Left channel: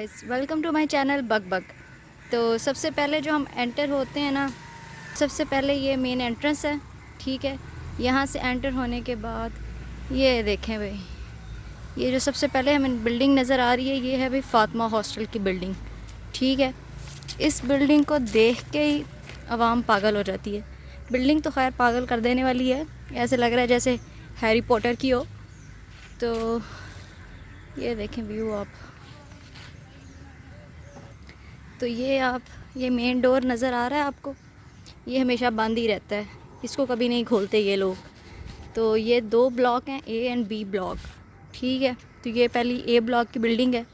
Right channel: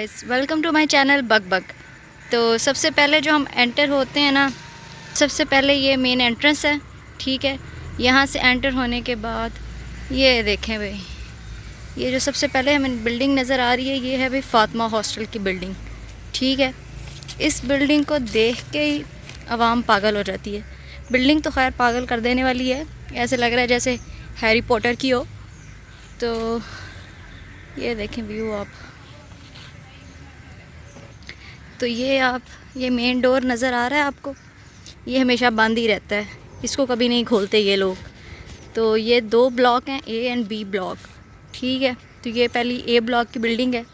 Guys, welcome to my channel bug bug. तो सबसे पहले जो हम एंटर होते हैं ना, सबसे पहले ये मेन एंट्रेंस है। ठीक है, यहाँ से एंटर होने के बाद ये देखें भाई, ये जो सबसे पहले हमें बिल्डिंग नज़र आ रही है ये है भाई फातिमा हॉस्टल की बिल्डिंग। ठीक है, इस बिल्डिंग को देख के ही आवाम पागल हो जाती है। बिल्डिंग तो खैर पागल कर देने वाली है, ऐसे लग रहा है जैसे हैरी पॉटर की हो। तो ये देखें व्यू आप, तो ये मेन डोर नज़र आ रहा है आपको, ये हमेशा बंद ही रहता है, इसको कभी नहीं खोलते ये लोग। तो ये दो ब्लॉक हैं, ए एंड बी ब्लॉक। ठीक है, तो ये पहली ए ब्लॉक की बिल्डिंग है,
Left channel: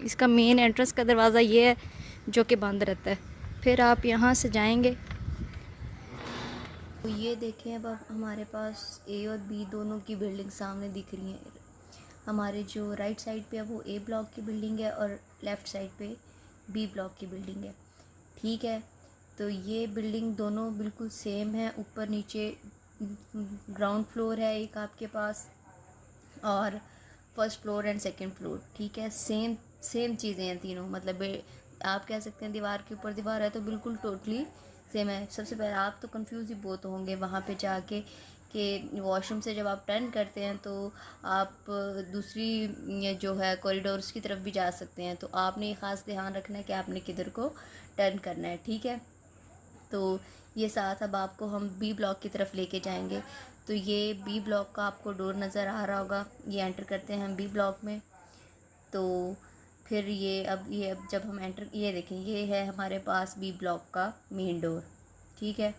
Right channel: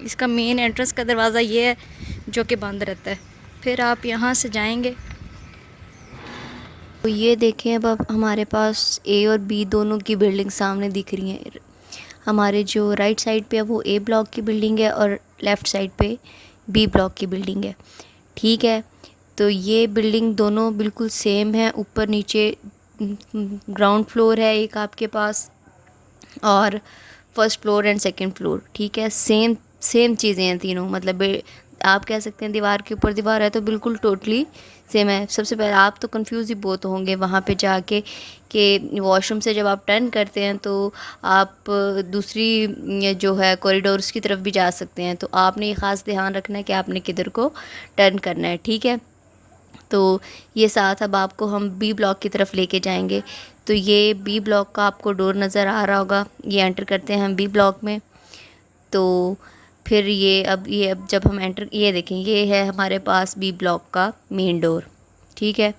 इसका मेन एंट्रेंस का दरवाज़ा ये है जो कि बंद रहता है। फिर आप यहाँ से जाएंगे तो ये देखें, अब हमारे पास ए और बी दोनों की बिल्डिंग सामने दिख रही हैं। हमारे जो राइट साइड पे है वो ए ब्लॉक की बिल्डिंग है और लेफ़्ट साइड पे बी ब्लॉक की बिल्डिंग है। ठीक है, तो ये बिल्डिंग दोनों बिल्कुल सेम है, ऊपर नीचे ग्राउंड फ्लोर है एक आपके पास और first floor and second floor. ठीक है, सेम सेम चीज़ें हैं तीनों, मतलब आप कह सकते हैं दीवार के ऊपर दीवार है, तो बिल्कुल टोटली सेम है। सबसे पहले आप तो कंफ्यूज ही बहुत होंगे वहाँ पे जाके कि वॉशरूम से जब आप टर्न करते हैं तो आप दूसरी ये जो है कॉरिडोर्स की तरफ भी जा सकते हैं, तो आपने ये ख़ास ध्यान रखना है कि आपने किधर को टर्न करना है। ठीक है, तो ये साथ अब आपको हम बी ब्लॉक की तरफ लेके जाएंगे। तो ये बी ब्लॉक का आपको डोर नज़र आ रहा होगा, ये एंटर करते हैं हम बी ब्लॉक में। तो फिर ये अब जब हम एंटर, ये देखें ये है हमारे पास बी ब्लॉक का मेन डोर। ठीक है,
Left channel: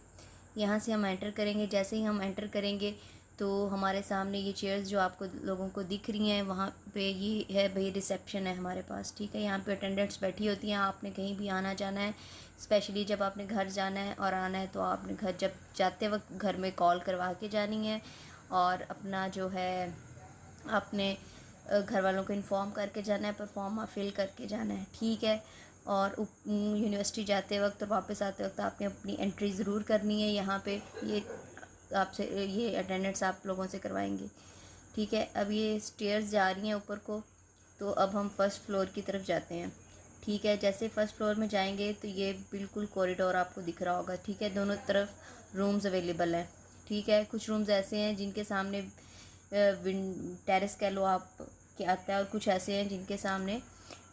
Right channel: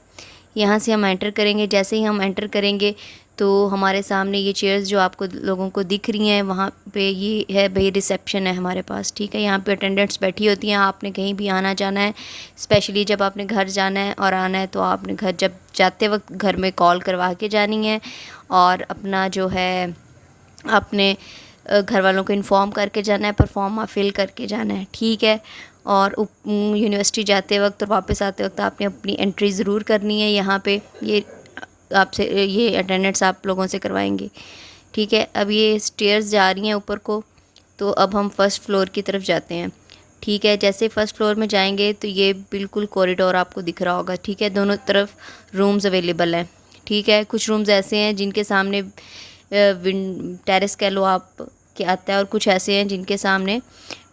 यहाँ से हम एंटर करेंगे, जैसे ही हम एंटर करेंगे तो हमारे सामने ये चेयर्स जो आपको लोगों को दिख रही हैं, वहाँ पे ये है भाई रिसेप्शन है हमारे पास। ठीक है, यहाँ पे अटेंडेंट्स बैठी होती हैं। आपने कहीं भी आना जाना है, स्पेशली जब आपने घर जाना है और आना है, तो आपने घर जब जाते वक्त घर में कॉल करवा के जानी है और अपना जो है अपने घर वालों को इन्फॉर्म करके जाना है, पर फॉर्म फिल करके जाना है। ठीक है, और यूनिवर्सिटी जाते वक्त और वापस आते वक्त आपने अपनी एंट्री ज़रूर करनी है यहाँ पे, ये आपसे ये अटेंडेंट्स आप लोगों से करवाएंगे। ठीक है, अब ये स्टेयर्स जा रही हैं ऊपर को, तो अब हम फर्स्ट फ्लोर की तरफ जाते हैं। ठीक है, जैसे फर्स्ट फ्लोर में जाएंगे तो ये बिल्कुल कॉरिडोर आपको दिख रहा होगा। ठीक है, दोनों तरफ रूम्स अवेलेबल हैं। ठीक है, कुछ रूम्स ऐसे हैं जिनके सामने टेरेस कह लो आप के आता है, और कुछ ऐसे हैं जिनके सामने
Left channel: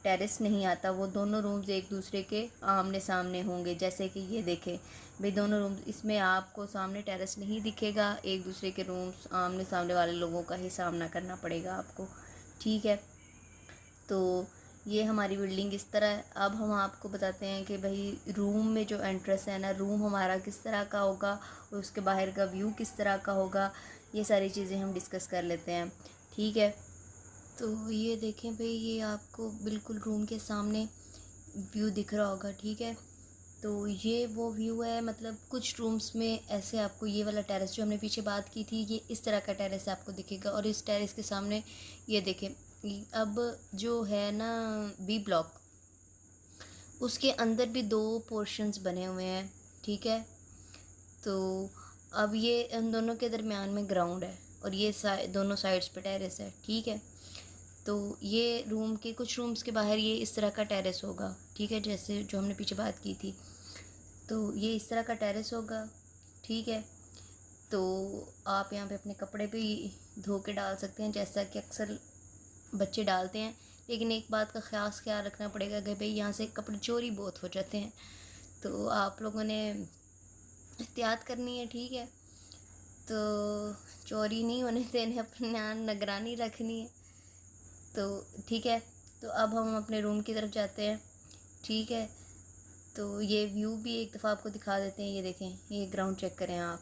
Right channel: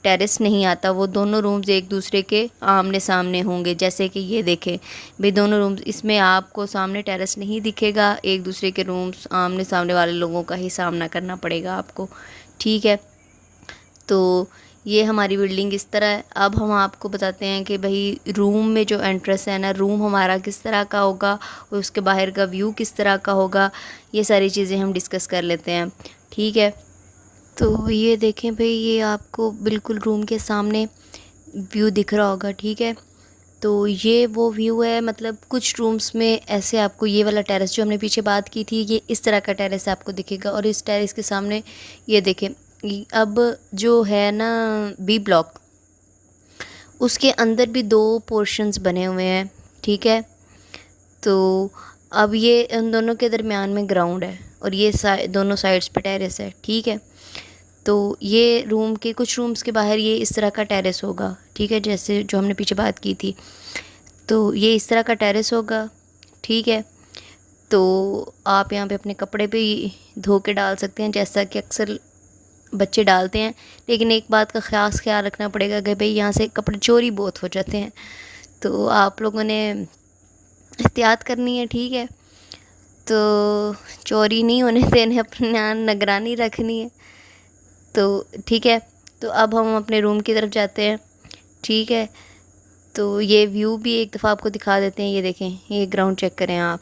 टेरेस नहीं आता। वो दोनों रूम्स एक दूसरे के आमने सामने होंगे, जैसे कि ये देखें भाई दोनों रूम्स, इसमें आपको सामने टेरेस नहीं दिखेगा, एक दूसरे के रूम्स आमने सामने वाले लोगों का ही सामना करना पड़ेगा आपको। ठीक है, तो ये हमारी बिल्डिंग इस तरह है। अब हम आपको बताते हैं कि भाई रूम में जो एंट्रेंस है ना, रूम हमारा किस तरह का होगा और उसके बाहर का व्यू किस तरह का होगा, ये सारी चीज़ें हम डिस्कस कर लेते हैं। ठीक है, तो ये देखें भाई, ये आपको बिल्कुल रूम के सामने व्यू दिख रहा होगा। ठीक है, तो ये वो व्यू है, मतलब कुछ रूम्स में ऐसे आपको ये वाला टेरेस जो हमने पीछे बात की थी, ये इस तरह का टेरेस आपको दिखेगा, और इस टेरेस के सामने ये देखें अब जो है ना बी ब्लॉक, उसके अंदर भी दो पोर्शंस बने हुए हैं। ठीक है, तो अब ये इन दोनों के दरमियान में ग्राउंड है और ये दोनों साइड्स पे टेरेस है। ठीक है, तो ये रूम के कुछ रूम्स के बाहर ये इस तरह का टेरेस होगा। ठीक है, जैसे जो हमने पीछे बात की थी, तो ये इस तरह का टेरेस होगा। ठीक है, तो आप यहाँ पे अपने कपड़े भी धो के डाल सकते हैं, जैसा कि अक्सर बच्चे डालते हैं। लेकिन एक बात का ख़ास ख्याल रखना पड़ेगा कि भाई यहाँ से कपड़े चोरी बहुत हो जाते हैं, तो आप लोगों ने एहतियात करनी है। ठीक है, तो चोरी नहीं होने देने, अपना निगरानी रखनी है। तो ठीक है, तो अब हम अपने रूम की तरफ जाते हैं। ठीक है, तो ये व्यू भी एक दफ़ा आपको दिखा देते हैं। ये देखें, ये ग्राउंड चेक करें आप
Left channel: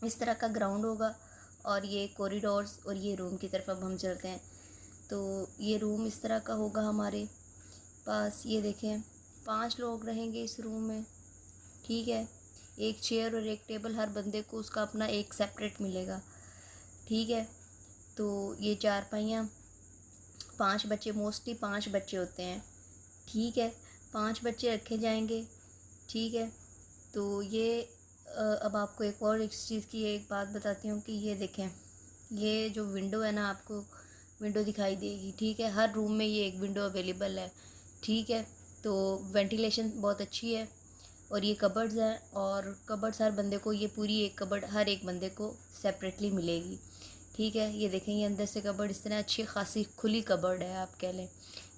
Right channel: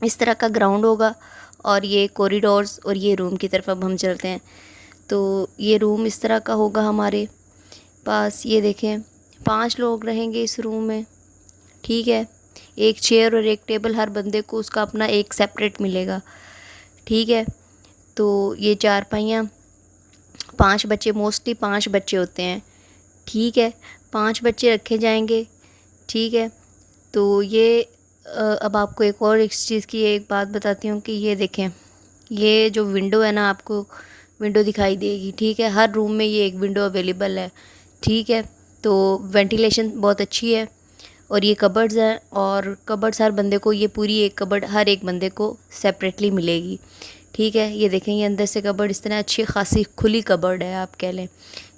इस तरह का ग्राउंड होगा और ये कॉरिडोर्स, और ये रूम की तरफ अब हम चलते हैं। तो ये रूम इस तरह का होगा हमारे पास। ये देखें 5 लोग रहेंगे इस रूम में। ठीक है, एक चेयर और एक टेबल, हर बंदे को उसका अपना एक सेपरेट मिलेगा। ठीक है, तो ये चारपाइयाँ, 5 बच्चे, मोस्टली 5 बच्चे होते हैं। ठीक है, 5 बच्चे रखे जाएंगे। ठीक है, तो ये अब आपको एक चीज़ की एक बात बताती हूँ कि ये देखें, ये जो विंडो है ना आपको विंडो दिखाई देगी, ठीक है। हर रूम में ये एक विंडो अवेलेबल है, ठीक है। तो वेंटिलेशन बहुत अच्छी है। और ये कबर्ड्स हैं, और कबर्ड्स हर बंदे को, ये पूरी एक कबर्ड हर एक बंदे को सेपरेटली मिलेगी, ठीक है। ये देखें, ये अंदर से कबर्ड इस तरह अच्छी खासी खुली कबर्ड है, आप कह लें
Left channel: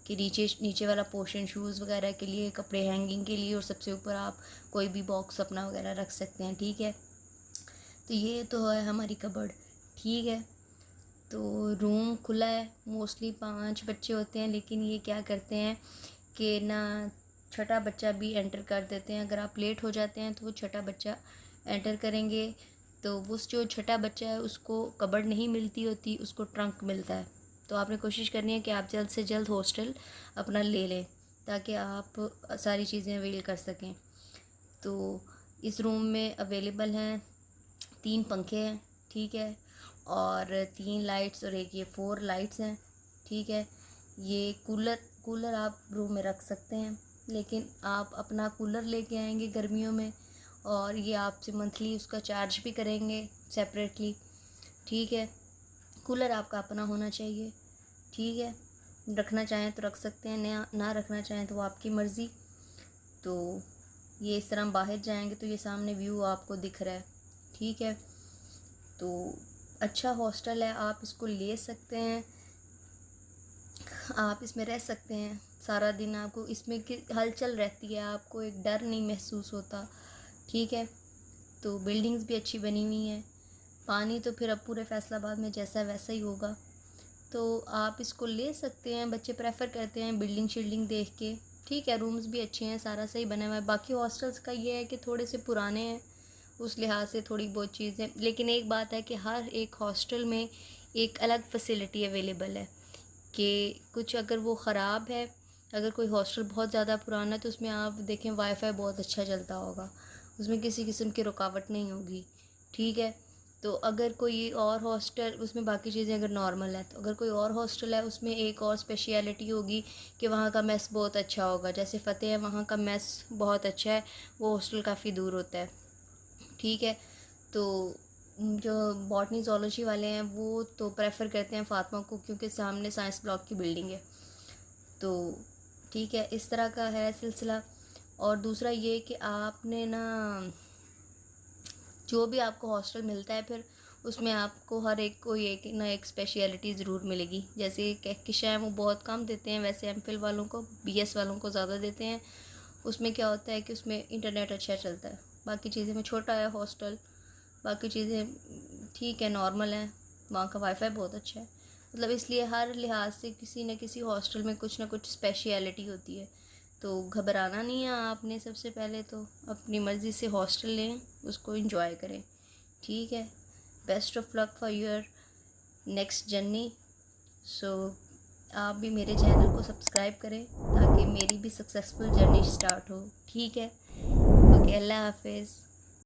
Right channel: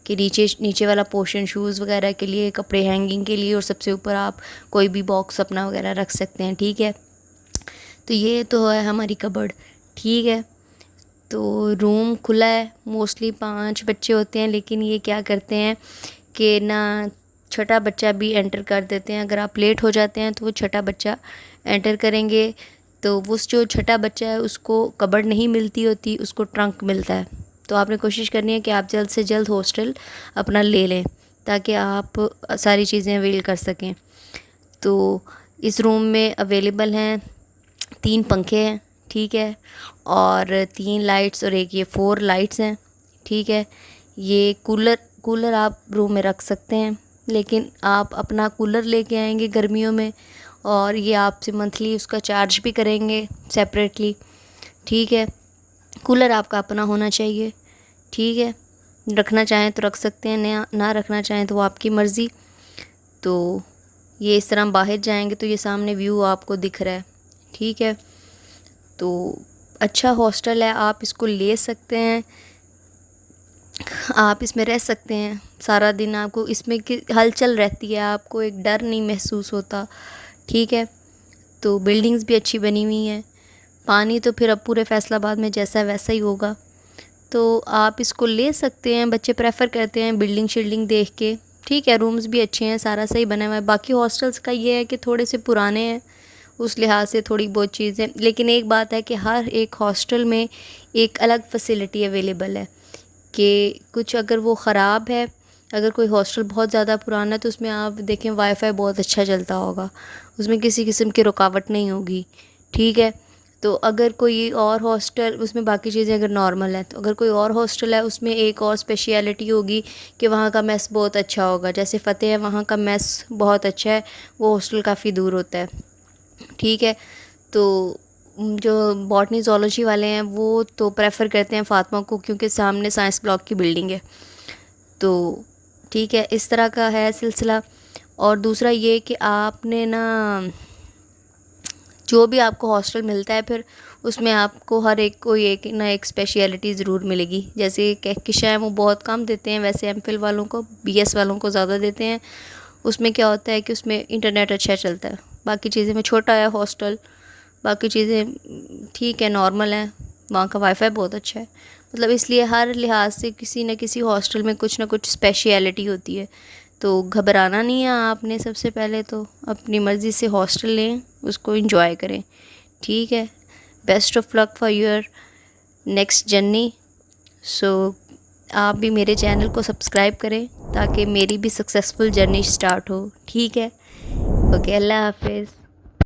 कि नीचे नीचे वाला पोर्शन शूज़ वगैरह के लिए, कपड़े हैंगिंग के लिए, और सबसे ऊपर आप कोई भी बॉक्स अपना वगैरह रख सकते हैं, ठीक है। तो ये तो है हमारी कबर्ड, ठीक है। तो रूम खुला है, मोस्टली 5 बच्चे होते हैं, लेकिन ये क्या करते हैं कि ना छोटा बच्चा भी एंटर कर देते हैं। अगर आप लेट हो जाते हैं तो वो छोटा बच्चा एंटर करेंगे, तो वो जो छोटा बच्चा है उसको कबर्ड नहीं मिलती होती, उसको ट्रंक मिलता है। तो आपने कोशिश करनी है कि आप जल्द से जल्द हॉस्टल अपना ले लें, ताकि आप सारी चीज़ें अवेल कर सकें। तो इस रूम में अवेलेबल हैं 3 पंखे हैं, ठीक है, और 3 लाइट्स, और एक ये 4 लाइट्स हैं, ठीक है। ये कूलर आप रूम में रख सकते हैं, लेकिन आप अपना कूलर लेके आएंगे गर्मियों में, और ये आपसे मंथली उसका चार्ज भी करेंगे सेपरेटली, ठीक है। कूलर आपका अपना होना चाहिए, ठीक है। रखना चाहें तो रख सकते हैं, ना रखना चाहें तो वो आपकी मर्ज़ी। तो ये इस तरह बाहर जाएंगे तो ये सामने व्यू आपको दिख रहा है, ठीक है। तो अच्छा हॉस्टल है, आप इसको ले सकते हैं, आप इसमें रह सकते हैं सारा दिन। आपको इसमें की हलचल रहती है, आपको एक डर नहीं महसूस होता, ठीक है। तो बिल्डिंग्स भी अच्छी बनी हुई हैं। पानी तो फिर अब पूरे फैसलाबाद में जैसा वैसा ही होगा, तो आप इसको ले सकते हैं। बच्चे प्रेफर करते हैं बिल्डिंग शिल्डिंग देख के, ठीक है। रूम्स भी अच्छे हैं, सारा सही बना हुआ है। बाकी हॉस्टल्स का ये है कि थोड़े से पुराने हैं, उस लिहाज से थोड़ी बहुत चीज़ें, लेकिन एक बात है कि हर एक हॉस्टल में एक अलग फैसिलिटी अवेलेबल है कि कुछ अगर वो ख़राब है, अगर कोई हॉस्टल बहुत ज़्यादा पुराना है तो उसमें आप देखें वाईफाई बहुत अच्छा चलता होगा, उसमें किसी किस्म की रुकावट नहीं होगी, ठीक है। तो अगर कोई और हॉस्टल, उसमें बाकी चीज़ें अगर नॉर्मल है, तो अगर कोई और हॉस्टल है उसमें एक और स्पेशलिटी होगी कि वहाँ का मेस बहुत अच्छा होगा। जैसे फ़तेह है, वहाँ का मेस बहुत अच्छा है, वो हॉस्टल काफ़ी दूर होता है, ठीक है। तो जो बॉटनी ज़ूलॉजी वाले हैं वो तो प्रेफर करते हैं फ़ातिमा को, क्योंकि सामने साइंस ब्लॉक की बिल्डिंग है। तो ठीक है, इस तरह का है सिलसिला। और दूसरा ये कि आपने ना, जो भी आपको हॉस्टल मिलता है फिर उसमें आपको हर एक को एक ना एक स्पेशलिटी ज़रूर मिलेगी। जैसे कहकशां है वो बहुत कम देते हैं, वैसे एमफिल वालों को, बीएस वालों को ज़्यादा देते हैं। उसमें क्या होता है कि उसमें इंटरनेट अच्छा चलता है, बाकी चीज़ें में छोटा है हॉस्टल, बाकी चीज़ें ठीक है, नॉर्मल है। वहाँ का वाईफाई बहुत अच्छा है, मतलब इसलिए हर लिहाज से किसी न किसी हॉस्टल में कुछ ना कुछ स्पेशलिटी होती है। तो घबराना नहीं है आपने, सबसे पहले तो अपनी मर्ज़ी से हॉस्टल लें, उसको एंजॉय करें, ठीक है। Best of luck for your next journey. So आप भी मेरे चैनल को सब्सक्राइब करें ताकि मेरी भी सक्सेसफुल जर्नी स्टार्ट हो, ठीक है। ओके, अल्लाह हाफिज़।